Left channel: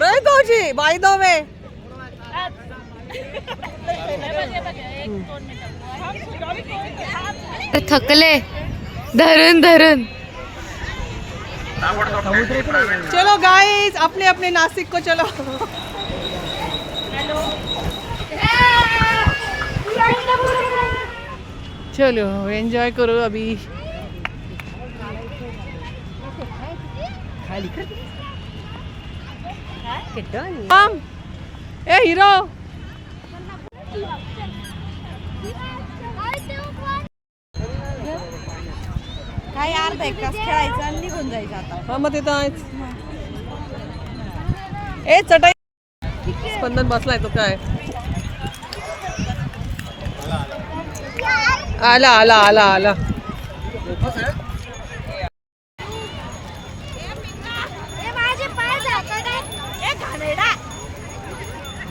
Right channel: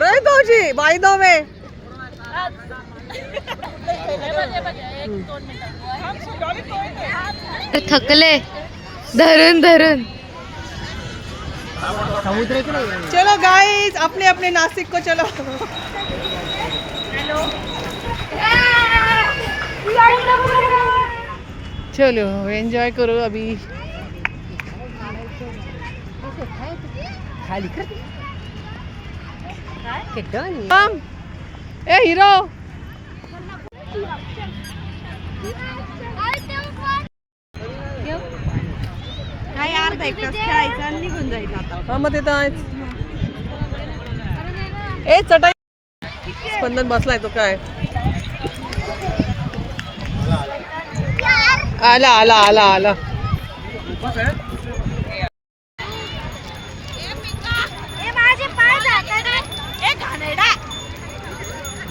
रोहित भाऊजी बाई दो में थकले धरून धरून. चलो गाइस अपने अपने नासिक को चलो. चलो एंजॉय करो अभी. ए हीरो काय अर्धा एक तास खेळायचं आणि निघून जायचं. हा मग ते तर आहेच. ए चटाई स्पंदन बसलाय तो काय. आला आला आला आला.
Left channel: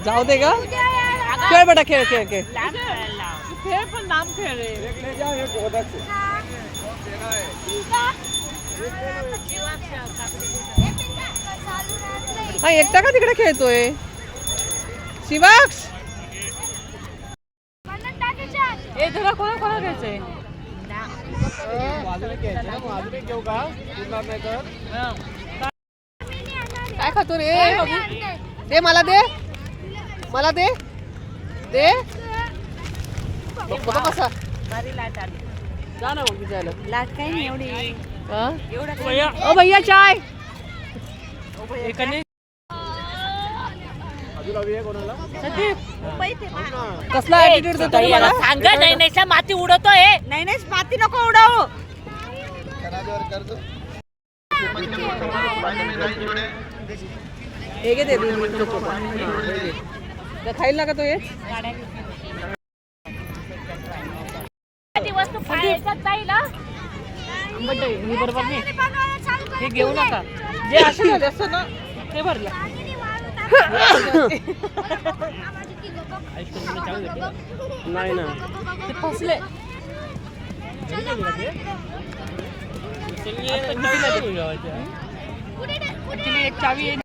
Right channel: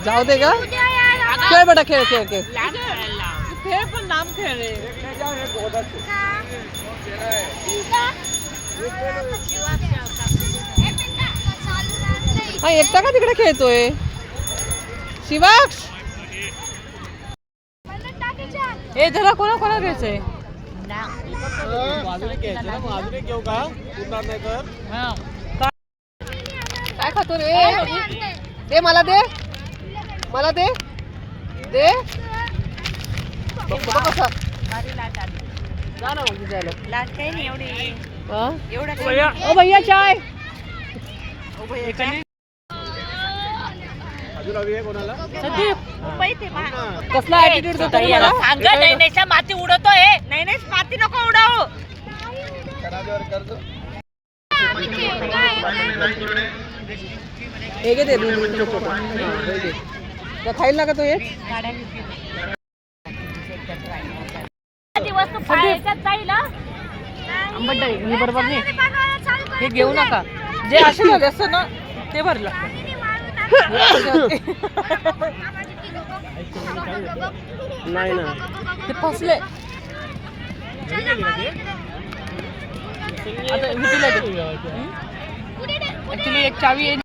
जाऊ दे का. खेळ बेटा खेळ खेळ खेळ. हा एकटा का तिकडे खेळतोय शिवाक्ष. हे जरा कोणा कोणा घ्यायचंय. काय खातो रे. दे मला दे मला दे दे. बघ कसा जा ना मग विचारलं. लाट काही नाही एवढी. ओ भैया चाय. कसला ऍटिट्यूड देतो रे मला. नैनेशा माती उडवतोय. नैनेश माती नको उडवू. हे घे दे खाईल ना का तो. मी बरोबर नाही हे घेऊ नका. जे असे झाले असतं ना ते भरलं. नाही ना ते फसले. एक चावी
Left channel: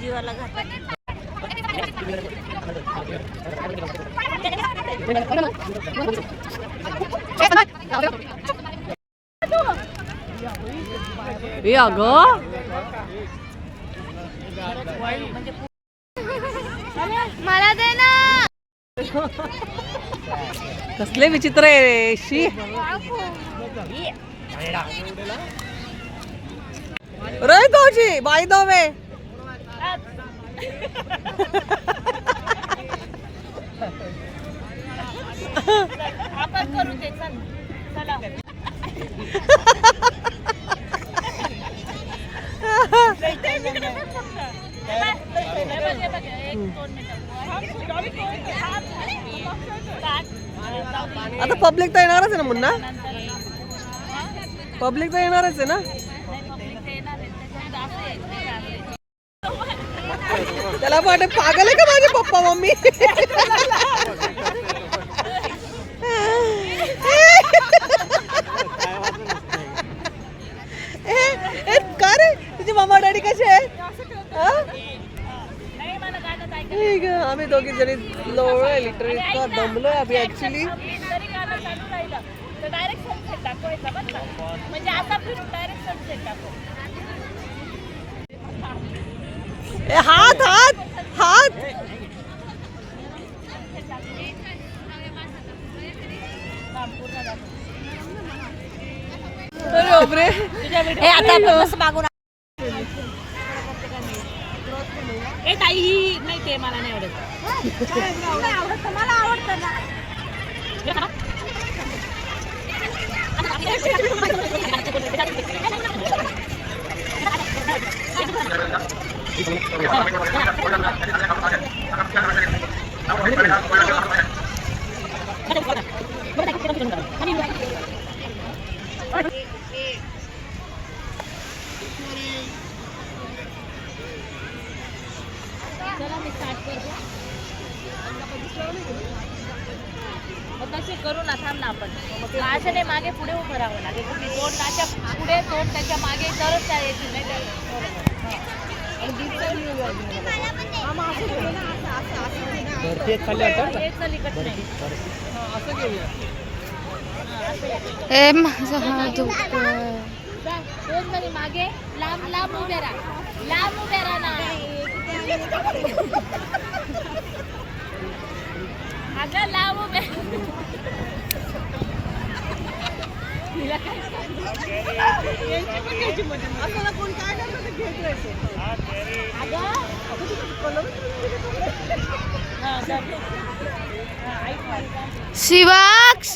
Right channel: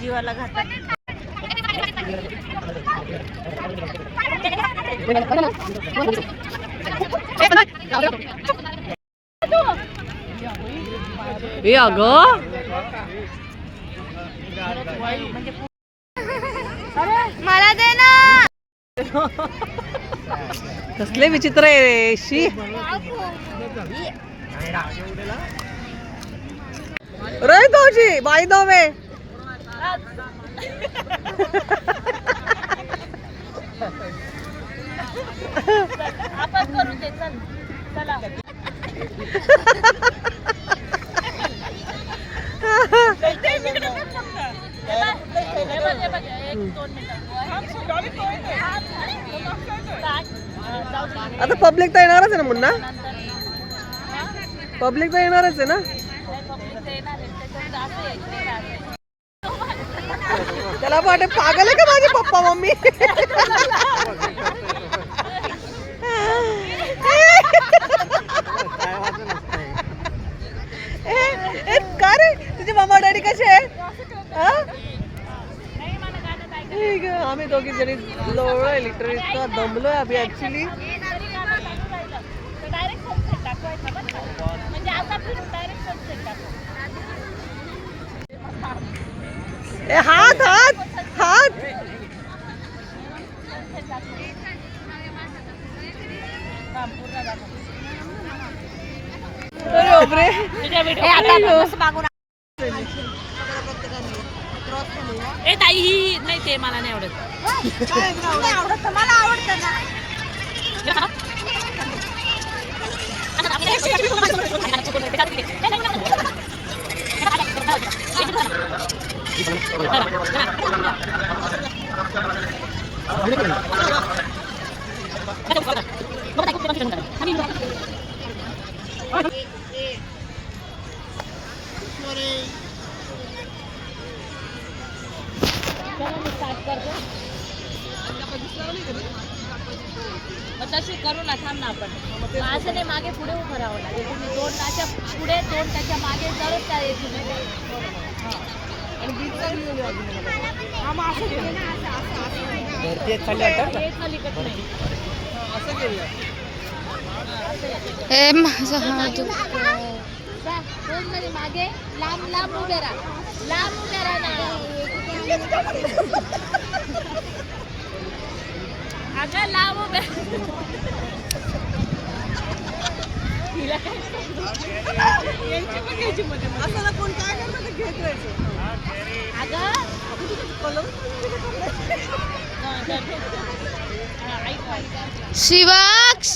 जीवाला ए अगं मला दे ना. कसले विचित्र आहे शी. रोहित भाऊजी बाई दो में आपण करू ते. चल चला. आता पब्लिक तर येणारच आहे ना मुन्ना. पब्लिक तर येणारच आहे ना. त्याला वाटत पागल आहे का माझे पप्पा मम्मी. का रे तुझे मामा डॅडी कसे आहे. ठीक आहे आम्ही दोघी जरी लोळलोय लिटरली इतका दमलोय अभि ऍक्च्युली. हात हात हात. अरे ओबरे ए ताई ही नाही ते मला नाही आवडत. मला आवडतं ना. चलो मैं स्टार्ट कर दूं. मग तसे करू ना, थांब ना आपण. असं नाही, मागे पुढे उभं राहावं लागेल. तुम्ही दोन त्याच्या पुढे, दोन त्याच्या मागे, तरच त्या येतील. नाही तर आणि बीचचा व्ह्यू आहे अजून मला. हेच अलीकड नाही. असं घेऊया. ए माझा हात दुखतोय. जा, दोन जणी मागे लांब लांब उभे राहा. लांब उभे राहा ना. अगं लांब उभे. यांची पण घ्यायची मध्ये असं ना, कोण काय करतं ते घेत राहायचं. अगं शिवाक्ष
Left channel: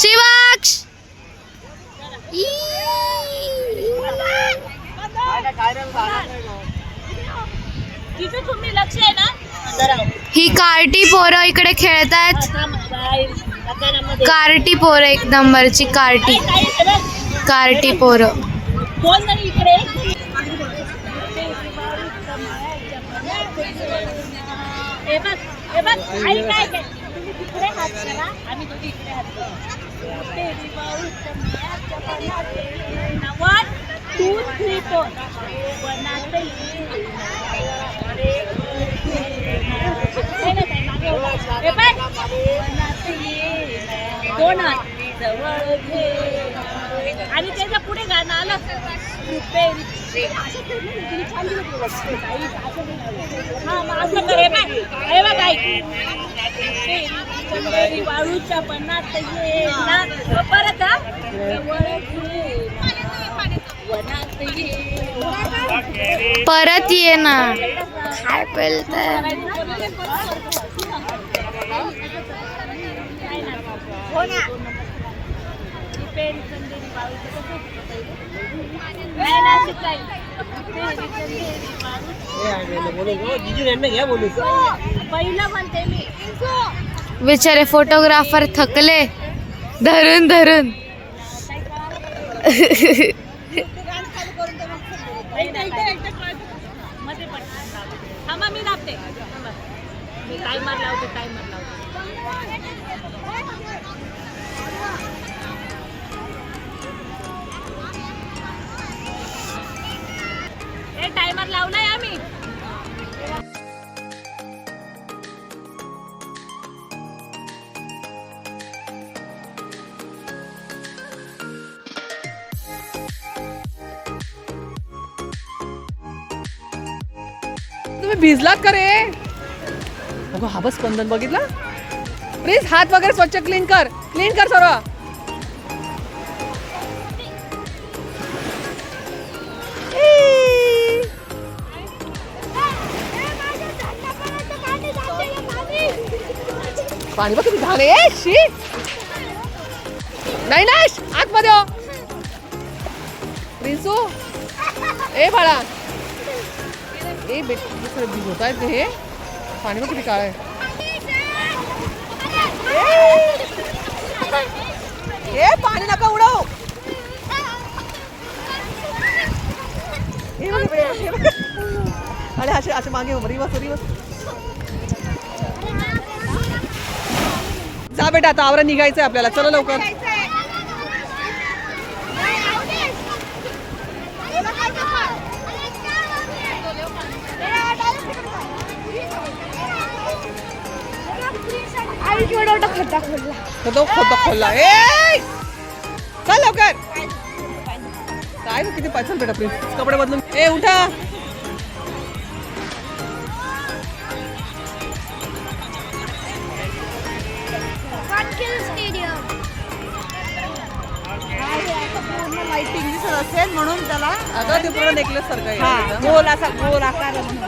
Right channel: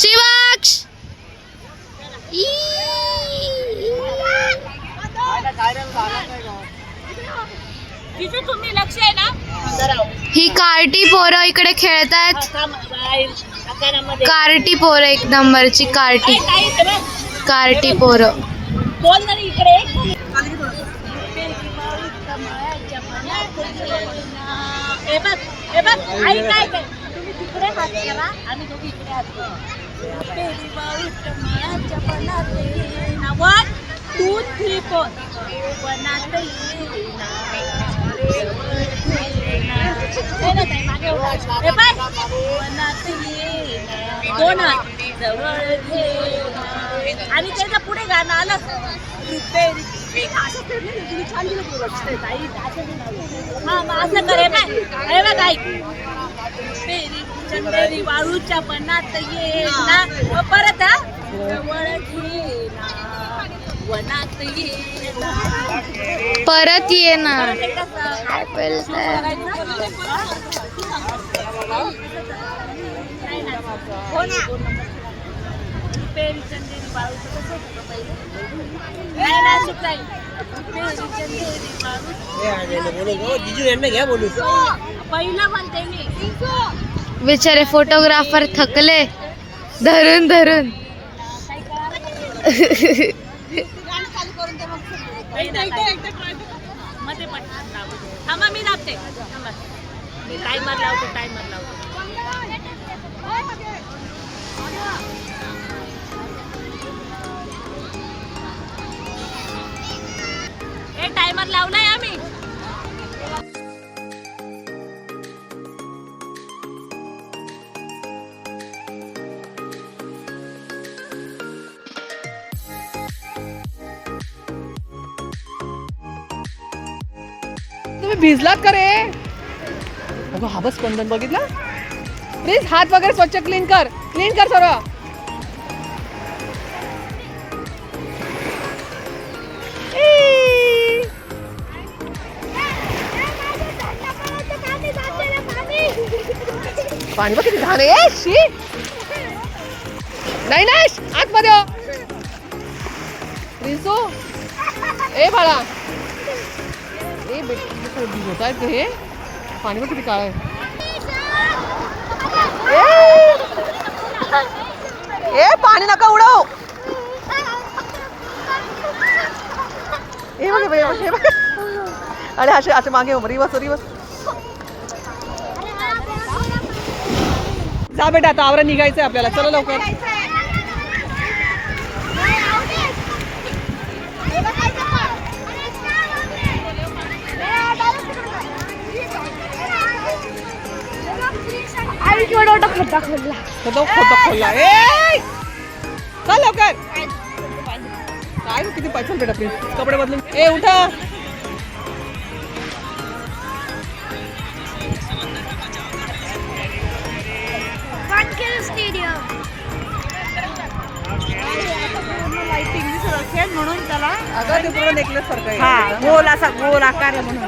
शिवाक्ष ई. तिथे तुम्ही लक्ष आहे ना. जरा ही कार्टी पोरं इकडे खेळतायत. कार्टी पोरं, एक नंबरची कार्टी कार्टी पोरं. कोण नाही इकडे. हे बघ, हे बघ, आई काय काय, तुम्ही तिकडे हात करा, आम्ही दोघी इकडे हात करू. 1 2 3 4 वनात येईना मागे उभा. हे बघ, वनात येईना, दोन हात जवळ घेना. आणि त्याच्या पुढे गाणं आलं. हा मग असं करे बाय. हे बघ आई, चंदेरी वाळूच्या पणात ये ना. परत जवळ घेना, वनात ये ना. परत ये ना. काय बोलताय? हो ना. रुपेरी चंदेरी वाळूचं कसं होतं पहिले. नाही नाशिक जाईल. रुपेरी चंदेरी वाळू पहिलं म्हणते मी. बिचारे फोटोग्राफर थकले धरून धरून. मध्ये पटकन दाबा. थांबा मी दाबते. थांबा, मी टायमर लावतो. टायमर लावलाय आम्ही. तुम्ही भिजलात का रे? अगं हा बस स्पंदन बघितला. प्लीज हात वगैरे स्वच्छ क्लीन कर सर्व. पाणी बघ किती घाण आहे. शी नाही ना, आतमध्ये हो. प्रिन्सू, ए बाळा, ए बेटा भिजवत आहेत हे. पाणी बघ किती काळ आहे. ए पाणी नका उडव. अरे असे असे मागे रिवस. जा बेटा, आता आवरा निघायचंय आपल्याला. चला लवकर. खड्डा खोलला. ए चल लवकर. काय किती पाहिजे बेटा. प्लीज कपडे बदलून. ए उठा. म्हणून त्याला आता ते पूर्ण नेकलेस सारखं आहे. गोल असा गोल आकार आहे म्हणून.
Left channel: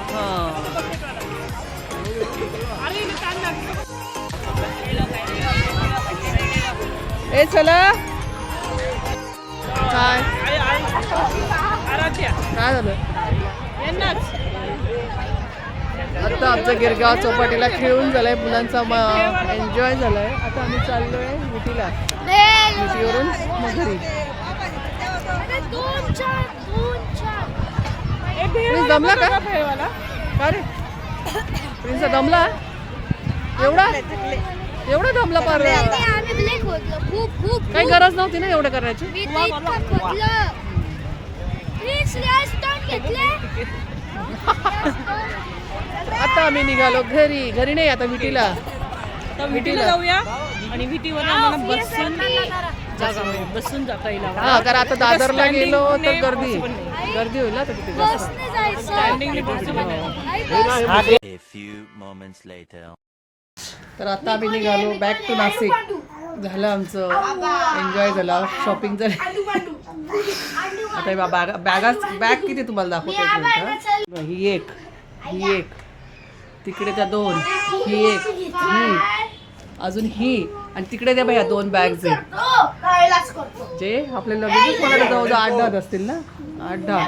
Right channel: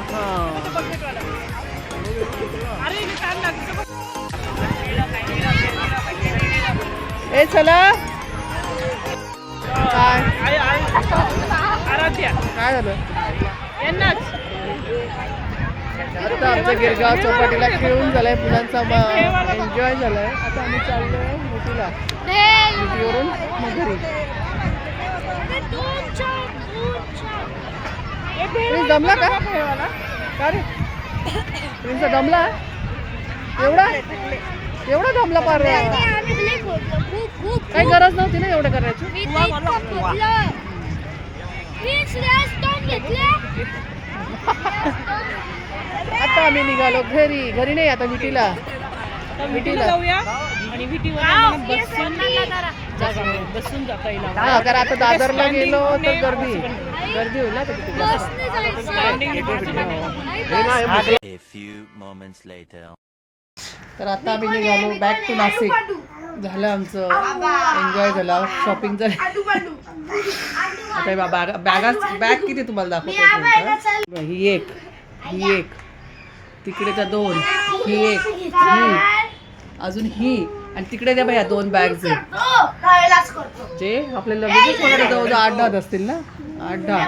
ए चला. काय काय झालं? आता आमच्या गिरगाव चौपाटीला खेळून झालाय. मुलांचा एन्जॉय झालाय. आता आम्ही चाललोय मिठीला. मिठीवरून मग घरी. प्रिन्स दमला का का रे प्रिन्स दमला एवढा एवढा दमला पार काही गरज नव्हती ना एवढं करायचं. आता आम्ही निघालो घरी. घरी नाही आता विटीला जाऊया आणि विटीवर बसून जा पहिला. हा कारण आता दादरला गेलो तर गर्दी होईल ना तर तिथे जास्त. A few moments later. तर आता आम्ही निघालो बॅक टू नाशिक. झालं आमचं एन्जॉय झाला शॉपिंग झाली. आता बॅग किती तुम्हाला दाखवते. ही एक तिकडे त्या 2 ही एक ही अजून ही आणि तिकडे त्या भैया 2 बॅग्स आहेत जे आपले लगेचच मला जवळजवळ 8-10 असतील ना 8-10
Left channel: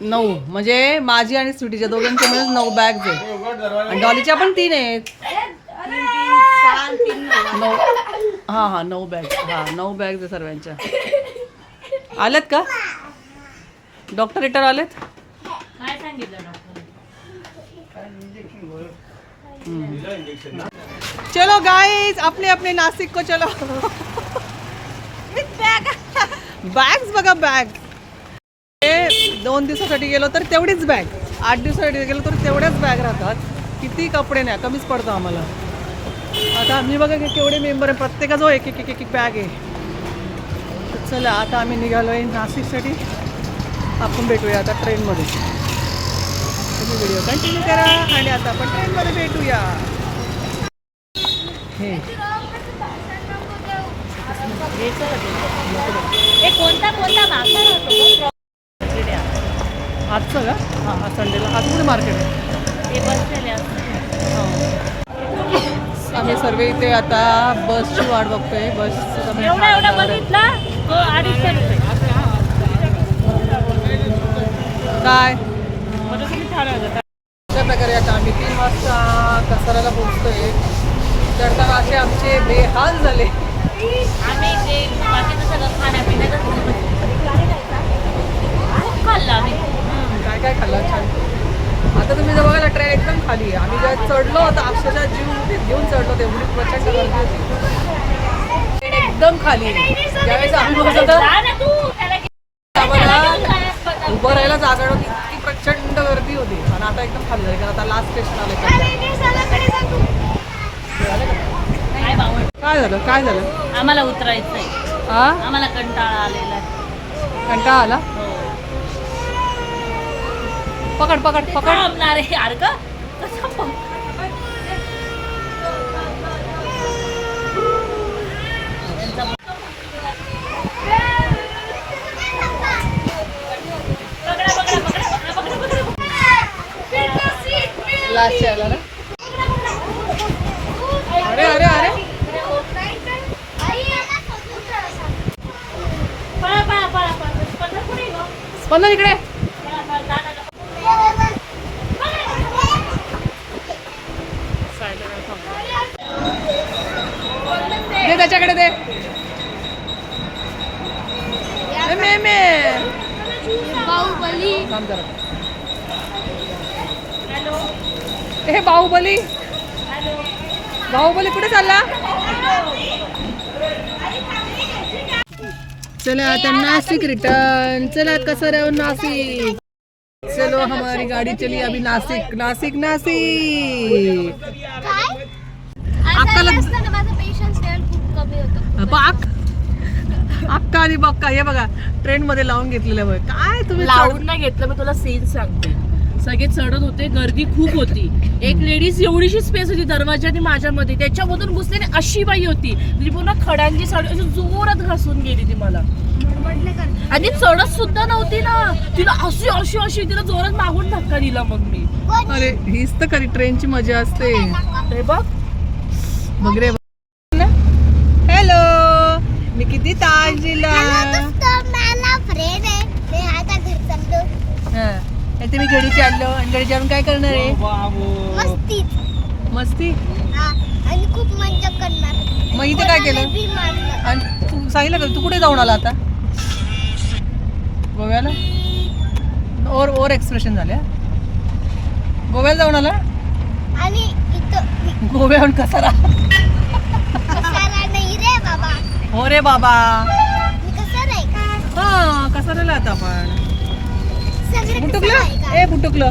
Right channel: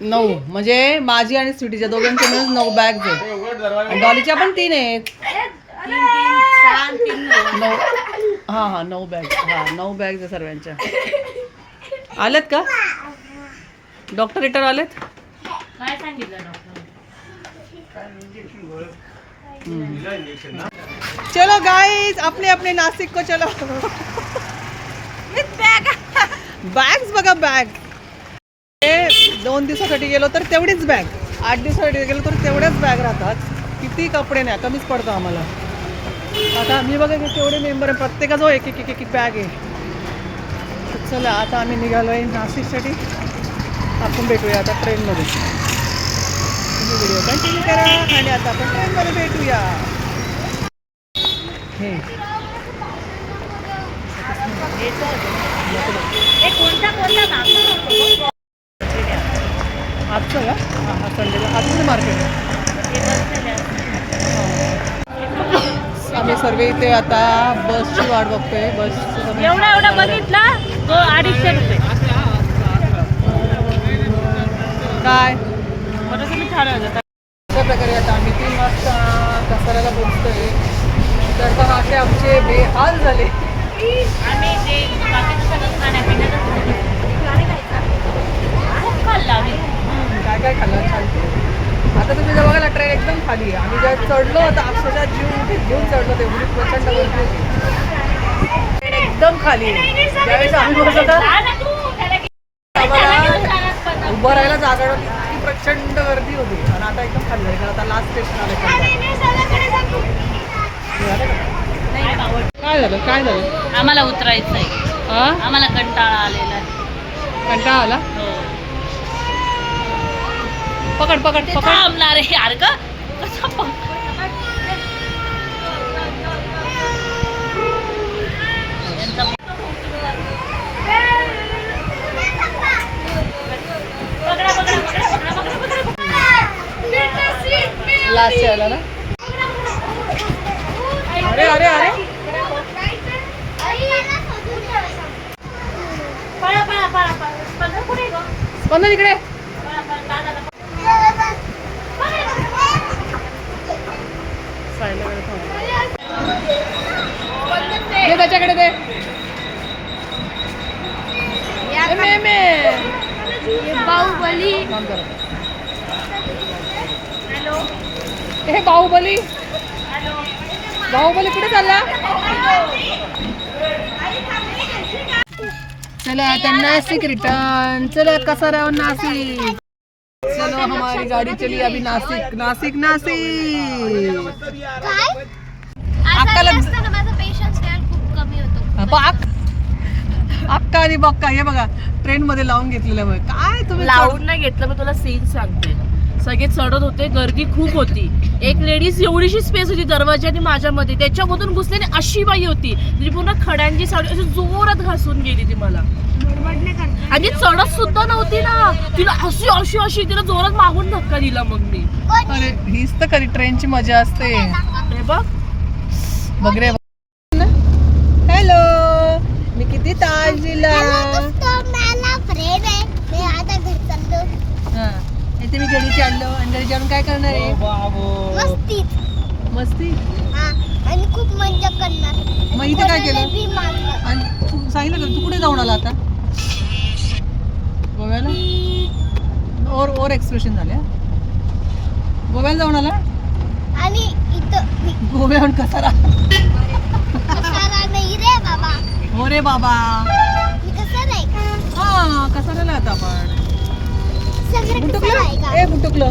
9 म्हणजे माझी आणि स्वीटीच्या दोघांच्या मिळून 9 बॅग्स आहेत आणि डॉलीच्या पण 3 आहेत 9 हां 9 बॅग्स 9 बॅग्स आहे सर्वांच्या. आलेत का डॉक्टर रिटर आलेत. चलो गाइस अपने अपने नासिक को चलो. बॅग्स बघा बॅग 2 दिवसासाठी गेलो तर तेवढीच बॅग 8 दिवसासाठी गेलो तर तेवढ्याच बॅग राहतात. किती कपडे नाही कमीच पडतं आम्हाला. आता आम्ही बघा की केवढे मेंबर आहे प्रत्येकाजवळ एक बॅग आहे. तर चला आता आम्ही निघालो आहे नाशिकसाठी. आपण भेटूया आता ट्रेनमध्ये. तुम्ही व्हिडिओ कंटिन्यू करा आणि आता आपण ट्रेनमध्ये भेटूया. हे आजचं का हा संडेला आज कुठे मार्केट आहे. आम्ही सर्व इथे आता बसची वाट बघतोय. बसचं काय अशा प्रकारे आता आम्ही 3 वाजता कसाऱ्याला पोहोचतोय. चढताना असे आमचे बेहाल झाले. काय खाल्लं छान. आता तुम्ही जर बघायला ट्रेन एकदम खाली आहे. आम्ही जेव्हा चढलो होतो अक्षरशः जीव मुठीत घेऊन चढलो तेवढी प्रचंड गर्दी होती. ट्रेन एकदम खाली आहे. ज्यावेळेस आम्ही बसलो आम्हाला उभं राहायला जागा नव्हती इतकी प्रचंड गर्दी होती आणि आता एकदम खाली झाली कारण आता लास्ट स्टेशन आलं. काय झालं आम्हाला उतरायचंय. आम्हाला कंटाळा आलेला आहे. कंटाळा आला. पकड थांबणार आहे यार का कसं लास्ट आला ना. अरे स्पंदन इकडे दे त्याच्याकडे दे. बाहुबली काम करा. हे बाहुबली कुठे चालला. चला आता नासिक रिटर्न. चला कसा राहून नासिक. चलो हमारी गाड़ी चली अभी नासिक. अक्काला अक्का आणि बक्का हे बघा ट्रेन मध्ये लावून घेतलेलं बघ. काय तुम्ही लावून नाही घेतलं. मी तुला सीन सांगते. सगळे चढत होते गर्दी खूप होती. एक लेडीज एवढीशी स्पेस होती दरवाजाने माझ्यामध्ये त्याच्यामधून घुसलेली अशी बाई होती म्हणजे पूर्ण खड्यांची साडी अशी जोरात घासून गेली ती मला आणि चढत सुद्धा नव्हती ना. तिला अशी तिला जोरात मागून धक्का दिला. मग मी अरे हीच तर खरी ट्रेनची मजा असते. बघ रे. हॅलो मी किती ताजीला मी घडीची आणलो आणि घडीची आणून काय करणार आहे. मस्ती आणि खूप मजा करणार. मग इथे काय केलं आणि तू सांगितलं का तू कुठे जाऊन आला आता. गोव्याला ओर एक्सप्रेशन झाले हा? गोव्याला जाऊन आला आणि इथं गोव्याहून कसारा कसारा नाही रे बाबा, हो रे बाबा मी कसा नाही हा कसाराला आता आपण सगळं कसं आहे बुटुकलं का? ए बुटुकलं